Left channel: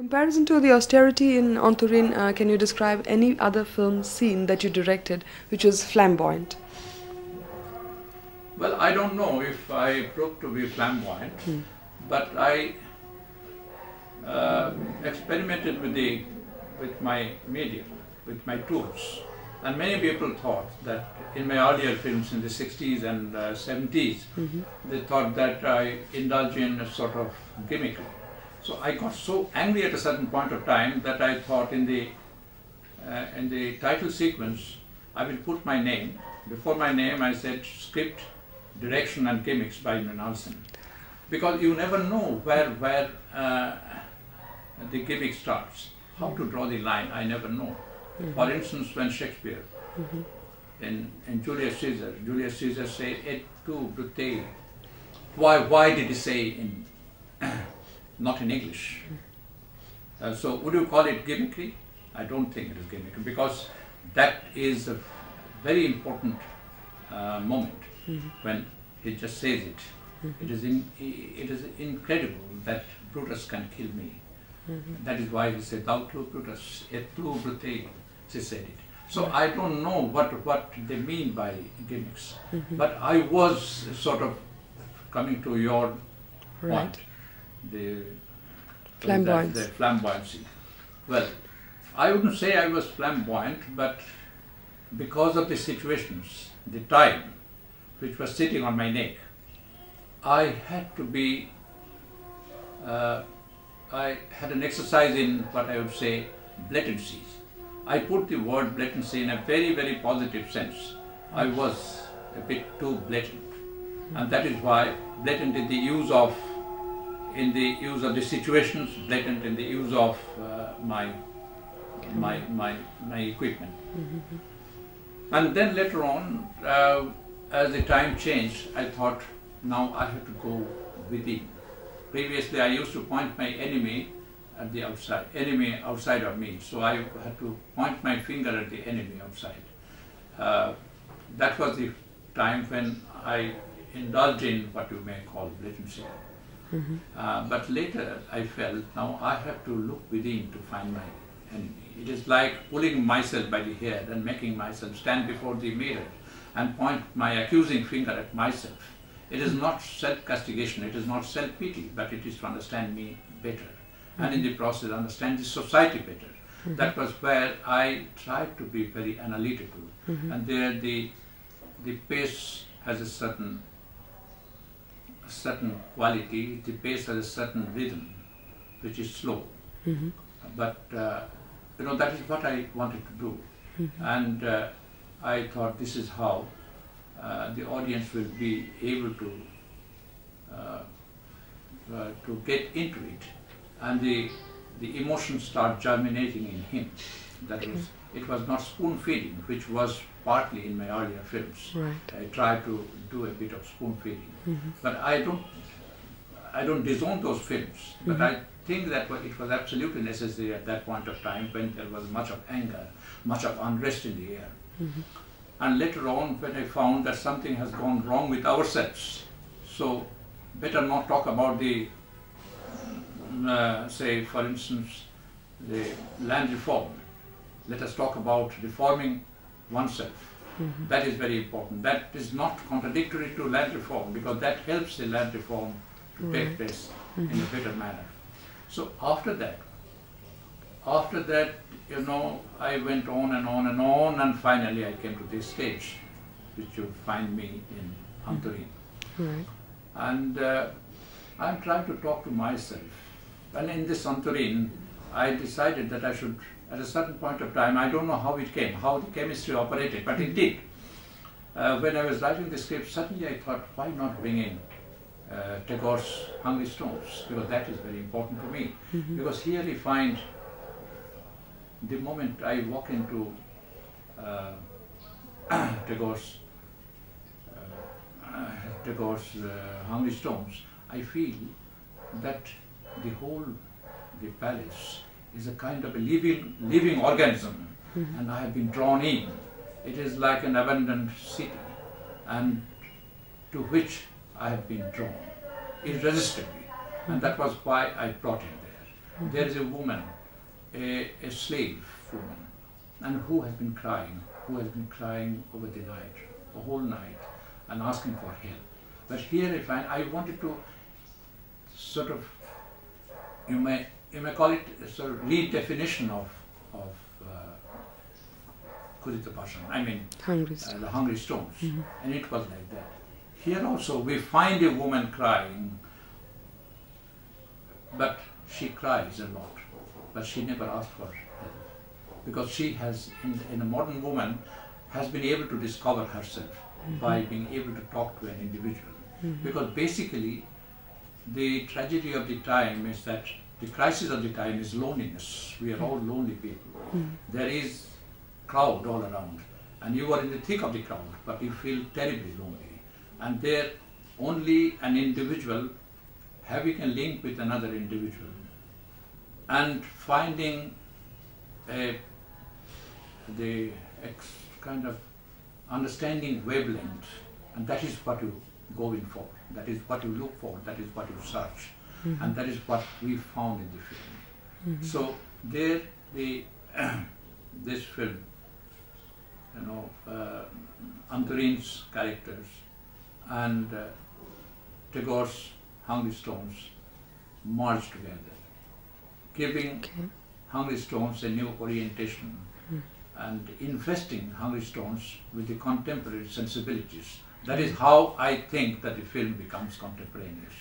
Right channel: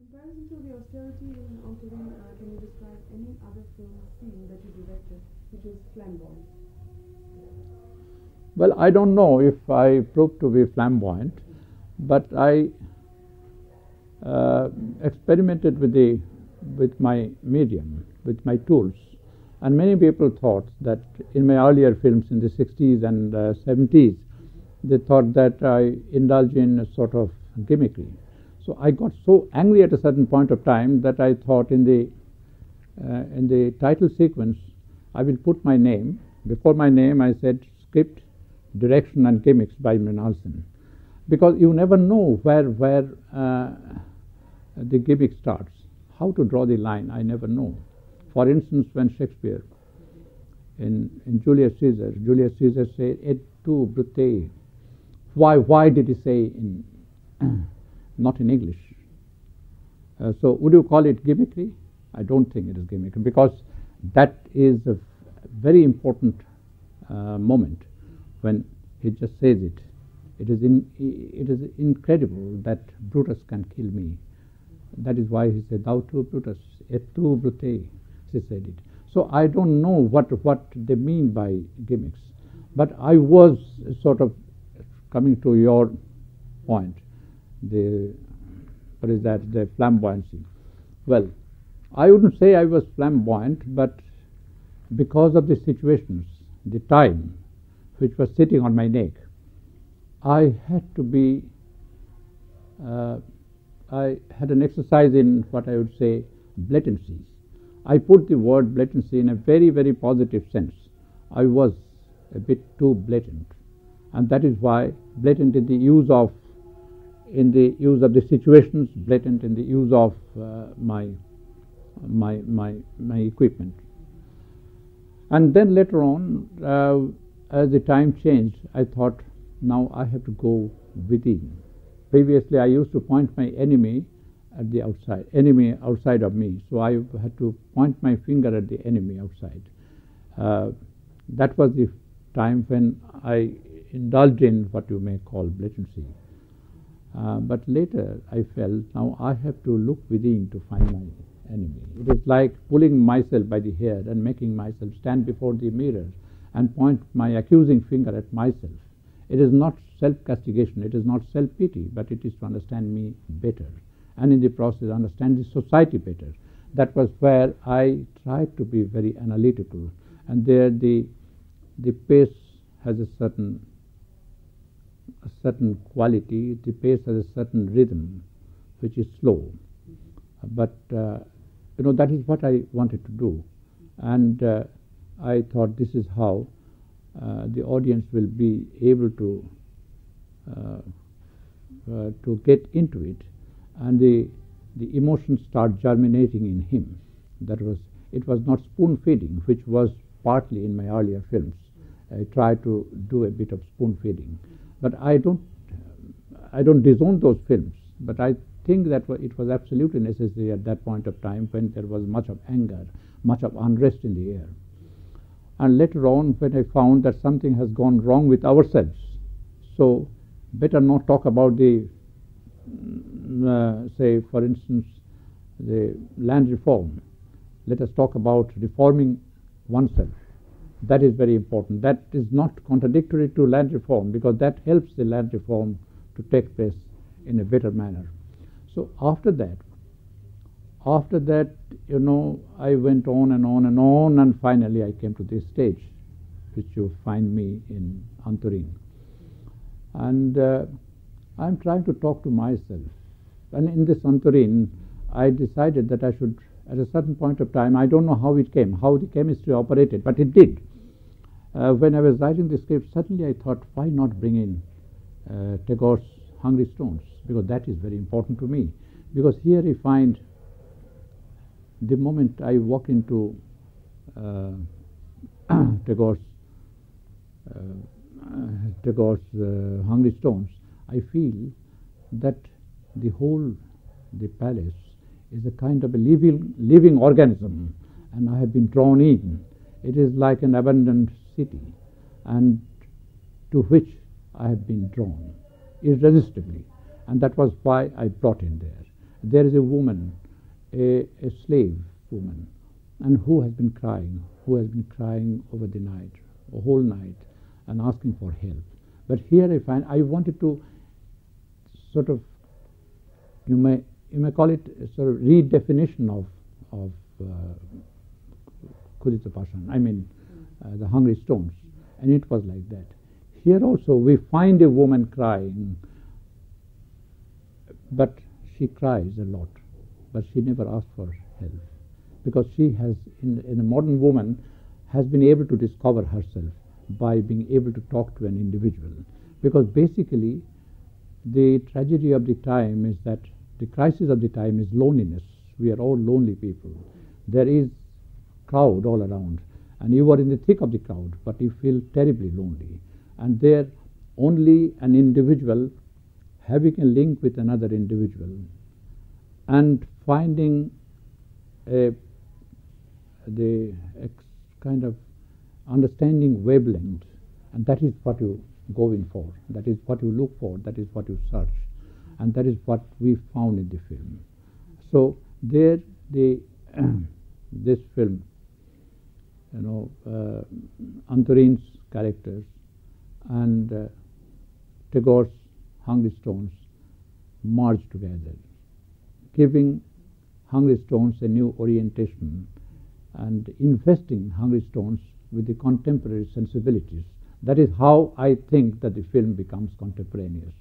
Comparison to the austerity in Anturin, can you describe any other film scene that you directed which was flamboyant? Well, I don't know if I proved to be flamboyant, but I experimented with my medium, with my tools. And many people thought that in my earlier films in the 60s and 70s, they thought that I indulge in a sort of gimmickry. So I got so angry at a certain point of time that I thought in the title sequence, I will put my name. Before my name, I said script, direction and gimmicks by Mrinal Sen. Because you never know where the gimmick starts. How to draw the line, I never know. For instance, when Shakespeare in Julius Caesar say, et tu, Brutus. Why did he say in not in English? So would you call it gimmickry? I don't think it is gimmickry, because that is a very important moment when he just says it. It is incredible that Brutus can kill me. That is why he said, thou too, Brutus, et tu, Brutus, he said it. So I don't know what they mean by gimmicks, but I was sort of coming to your point, the flamboyancy. Well, I wouldn't say I was flamboyant, but because of the situations, the time which was sitting on my neck, I had to be, I had an exercise in what I would say blatancies. I put the word blatancy in a very, very positive sense. I was a bit too blatant, and that is why blatant in the use of the situations, blatant in the use of my equipment. And then later on, as the time changed, I thought, now I have to go within. Previously, I used to point my enemy at the outside, enemy outside of me. So I had to point my finger at the enemy outside. That was the time when I indulged in what you may call blatancy. But later I felt, now I have to look within to find my enemy. It is like pulling myself by the hair and making myself stand before the mirror and point my accusing finger at myself. It is not self-castigation, it is not self-pity, but it is to understand me better, and in the process understand the society better. That was where I tried to be very analytical, and there the pace has a certain quality, the pace has a certain rhythm, which is slow. But that is what I wanted to do, and I thought this is how the audience will be able to get into it, and the emotions start germinating in him. That was, it was not spoon feeding, which was partly in my earlier films. I tried to do a bit of spoon feeding, but I don't disown those films. But I think that it was absolutely necessary at that point of time when there was much of anger, much of unrest in the air. And later on, when I found that something has gone wrong with ourselves, so better not talk about the, say for instance, the land reform. Let us talk about reforming oneself. That is very important. That is not contradictory to land reform, because that helps the land reform to take place in a better manner. So after that, I went on and on and on, and finally I came to this stage, which you find me in Anturin. And I'm trying to talk to myself. And in this Anturin, I decided that I should, at a certain point of time, I don't know how it came, how the chemistry operated, but it did. When I was writing the script, suddenly I thought, why not bring in Tagore's Hungry Stones, because that is very important to me. Because here we find, the moment I walk into Tagore's Hungry Stones, I feel that the palace is a kind of a living organism, and I have been drawn in. It is like an abandoned city, and to which I have been drawn irresistibly, and that was why I brought him there. There is a woman, a slave woman, and who has been crying over the night, the whole night, and asking for help. But here I wanted to sort of, you may call it a sort of redefinition of Kudita Passion, the Hungry Stones, and it was like that. Here also we find a woman crying, but she cries a lot, but she never asks for help, because she has, in a modern woman, has been able to discover herself by being able to talk to an individual. Because basically the tragedy of the time is that the crisis of the time is loneliness. We are all lonely people. There is crowd all around, and you are in the thick of the crowd, but you feel terribly lonely. And there only an individual having a link with another individual and finding the kind of understanding wavelength, and that is what you go in for, that is what you look for, that is what you search, and that is what we found in the film. So there this film, Antarin's characters and Tagore's Hungry Stones merged together, giving Hungry Stones a new orientation and investing Hungry Stones with the contemporary sensibilities. That is how I think that the film becomes contemporaneous.